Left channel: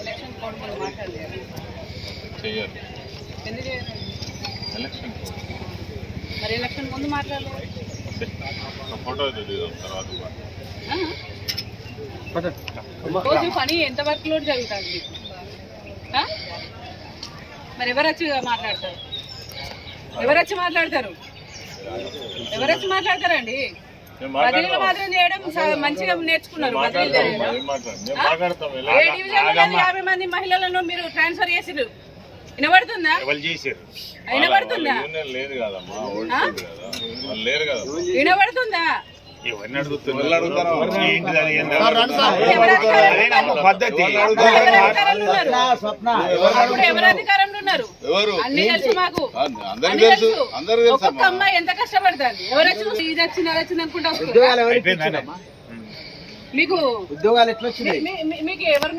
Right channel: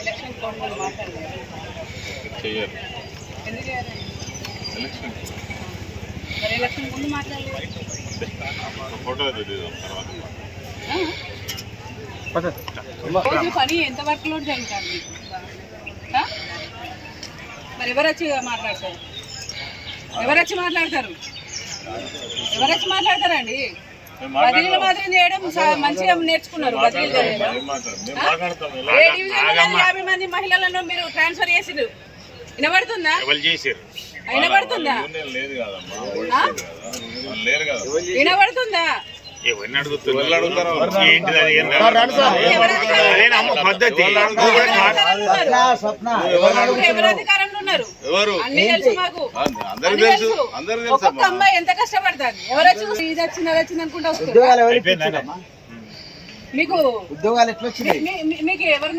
Election code మీద మాట్లాడలేదు. చెయ్యరు. ఎందుకు చేయరు ఎలక్షన్. మరి ఎలక్షన్ ముందు మాట్లాడలేదు. ఫోటో తర్వాత? రోజు పని ఎంత వర్క్ లోడ్ జరుగుతుంది? మరి ఎవరు వచ్చి మాట్లాడతారు? ఎవరు వచ్చి మాట్లాడతారు? ఎవరు వచ్చి మాట్లాడతారండి? బదిలీల మాత్రం చేయడం మంచిగా నేర్చుకున్నారు బదిలీలు. చేయడం ఏం డివిజన్ యాభై మంది మహిళలను మీరు ట్రాన్స్ఫర్ చేసిరు వినబడుతుందా? వినబడుతుందా? వినబడుతుందా? ఎవరిని అడుగుతున్నారు? పద్ధతి. ఎవరు ఒక్కొక్క అమ్మాయి ఎంత కష్టపడుతుంది? ఎవరు వచ్చి ఇది వచ్చింది అది వచ్చింది అనుకుంటా? మీకు ఉద్యోగాలు ఎట్లా వచ్చినాయి? మీకు ఎవరు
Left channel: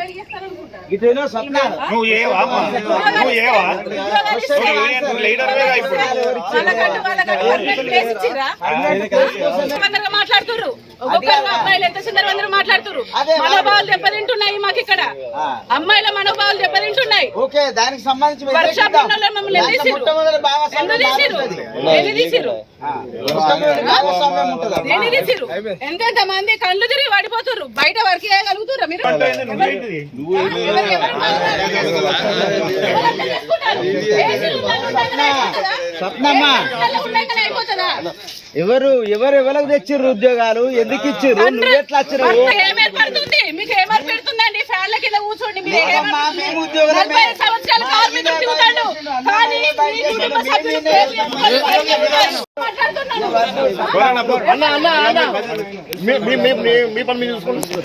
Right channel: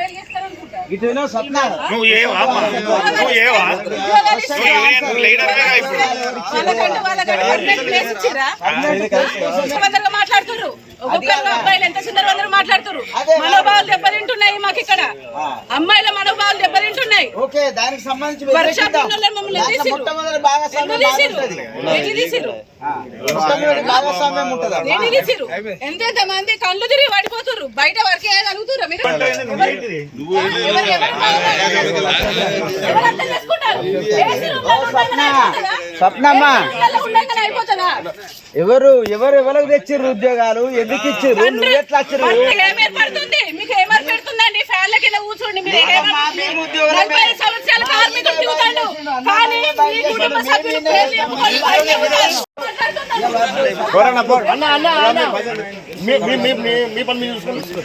వాళ్ళకంటూ వాళ్ళకంటూ ప్లేస్ ఇచ్చిర్రా? ఒక్కొక్కరు అబ్బాయిలు ఎంత మాట్లాడుతుర్రు? అదే, మనోభావాలు దెబ్బతింటున్నాయి మాకు ఇక్కడ అమ్మాయిల మనోభావాలు దెబ్బతింటున్నాయి. ఓకే దానికి సంబంధించి ఎంతెంత మంది కళ్ళు తిరిగి పడిపోతుర్రు బయట వరకు వేయగలుగుతుర్రు మీరు? ఎవరు- ఎవరు ఎవరికి తెచ్చిర్రు ఉద్యోగాలు? ఎందుకు ఇచ్చిర్రు? నువ్వు ఎట్లా వచ్చిర్రు? మీకు ఏం ఏర్పడుతుంది మీకు ఏం ఏర్పడుతుందండి ఫ్యాన్ల కింద కూర్చోండి మీరు ఏం నలభై ఐదు సంవత్సరాలు కార్మికులు తిరుగుతాడు కానీ మీ కుటుంబ సభ్యులు పేర్లు చెప్పుకొని బయట చెప్తున్నారు. మాట్లాడుతున్నారు. అన్న అన్న అన్న. మీ మీ మీ మీ పని మీరు చూసుకోండి.